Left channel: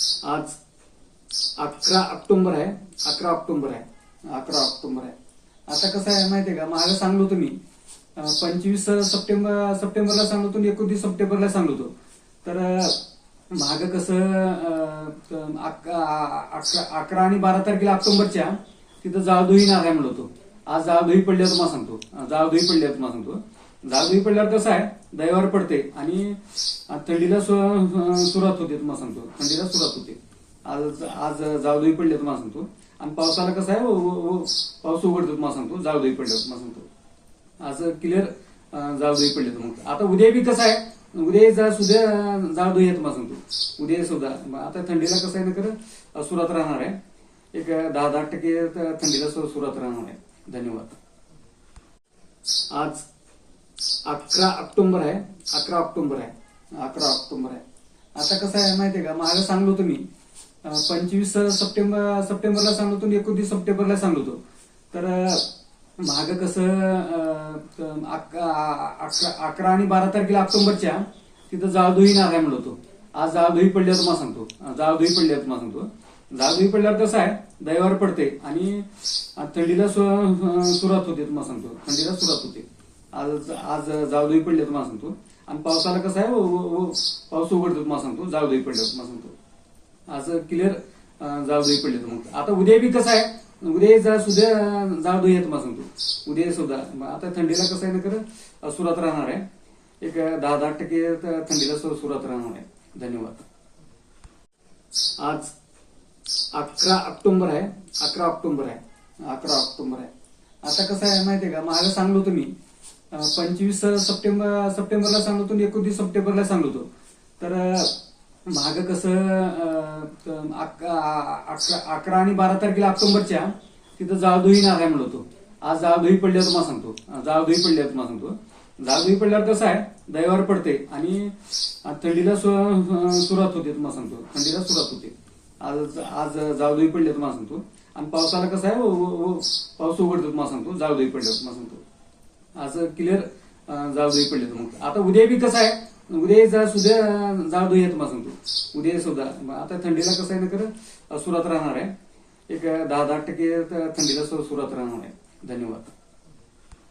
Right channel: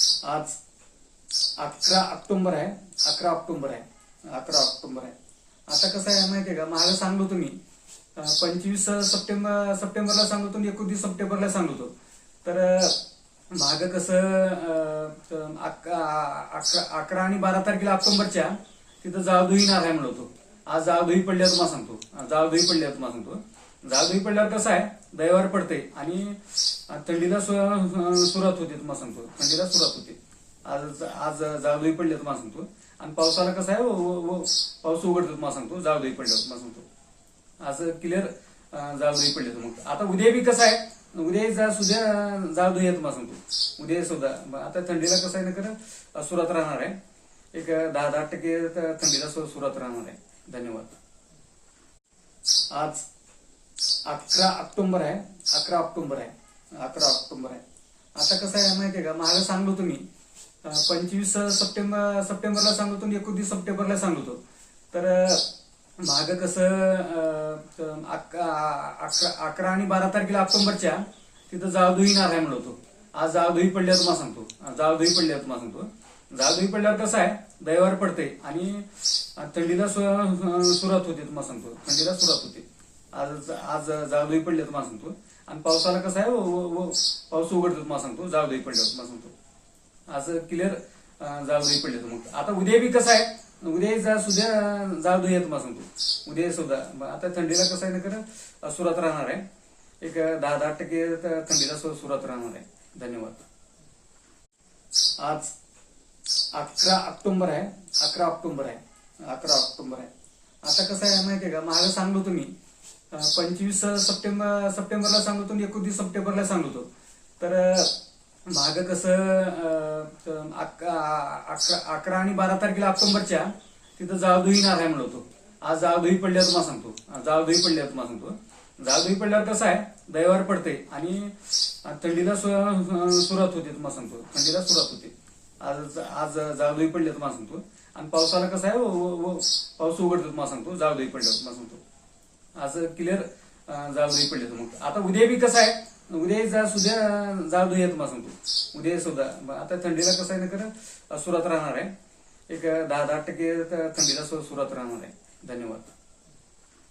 आज 11 ऑक्टोबर आहे. 11 ऑक्टोबर आहे. 11 ऑक्टोबर आहे. आता कसं आहे माहितीये का, मागे सांगलो तुम्ही 25 सप्टेंबरला सांगलो होतो आणि 29 सप्टेंबरला सांगलो होतो. तर मागं कसं 11 आणि 12 तारखेला ऑक्टोबरच्या तिथं जाळधुई नारायण म्हणत होतो. आज जाळधुई पडल्यावर तुम्हाला सांगतो. जाळधुई पडल्यावर कसं आहे, दैवावर पडते आणि थंडीला सुरुवात होते. तुम्हाला सांगतो, थंडीला सुरुवात होते. आज जाळधुई पडले तुम्हाला सांगतो. आणि पावसाला कसं आहे, पाऊस उघडतो तुम्हाला सांगतो. जाळधुई पडल्यावर तुम्हाला सांगतो. आज क्लिअर जाळधुई पडले तुम्हाला. आता उद्या बी कसं आहे, उद्या सुद्धा जाळधुई आहे तुम्हाला सांगतो. उद्या सुद्धा आता थंडीला कसं आहे ना, खरं सुरुवात राहणार आहे. एक 10% थंडीला सुरुवात राहणार आहे. धन्यवाद. आज 11 ऑक्टोबर आहे. 11 ऑक्टोबर आहे. 11 ऑक्टोबर आहे. आता कसं आहे माहितीये का, मागे सांगलो तुम्ही 25 सप्टेंबरला सांगलो होतो आणि 29 सप्टेंबरला सांगलो होतो. तर मागं कसं 11 आणि 12 तारखेला ऑक्टोबरच्या तिथं जाळधुई नारायण म्हणत होतो. आज जाळधुई पडल्यावर तुम्हाला सांगतो. जाळधुई पडल्यावर कसं आहे, दैवावर पडते आणि थंडीला सुरुवात होते तुम्हाला सांगतो. थंडीला सुरुवात होते. आज जाळधुई पडले तुम्हाला सांगतो. आणि पावसाला कसं आहे, पाऊस उघडतो तुम्हाला सांगतो. जाळधुई पडल्यावर तुम्हाला सांगतो. आज क्लिअर जाळधुई पडले तुम्हाला. आता उद्या बी कसं आहे, उद्या सुद्धा जाळधुई आहे तुम्हाला सांगतो. उद्या सुद्धा आता थंडीला कसं आहे ना, खरं सुरुवात राहणार आहे. एक 10% थंडीला सुरुवात राहणार आहे. धन्यवाद. आज 11 ऑक्टोबर आहे. 11 ऑक्टोबर आहे. 11 ऑक्टोबर आहे. आता कसं आहे माहितीये का, मागे सांगलो तुम्ही 25 सप्टेंबरला सांगलो होतो आणि 29 सप्टेंबरला सांगलो होतो. तर मागं कसं 11 आणि 12 तारखेला ऑक्टोबरच्या तिथं जाळधुई नारायण म्हणत होतो. आज जाळधुई पडल्यावर तुम्हाला सांगतो. जाळधुई पडल्यावर कसं आहे, दैवावर पडते आणि थंडीला सुरुवात होते तुम्हाला सांगतो. थंडीला सुरुवात होते. आज जाळधुई पडले तुम्हाला सांगतो. आणि पावसाला कसं आहे, पाऊस उघडतो तुम्हाला सांगतो. जाळधुई पडल्यावर तुम्हाला सांगतो. आज क्लिअर जाळधुई पडले तुम्हाला. आता उद्या बी कसं आहे, उद्या सुद्धा जाळधुई आहे तुम्हाला सांगतो. उद्या सुद्धा आता थंडीला कसं आहे ना, खरं सुरुवात राहणार आहे. एक 10% थंडीला सुरुवात राहणार आहे. धन्यवाद.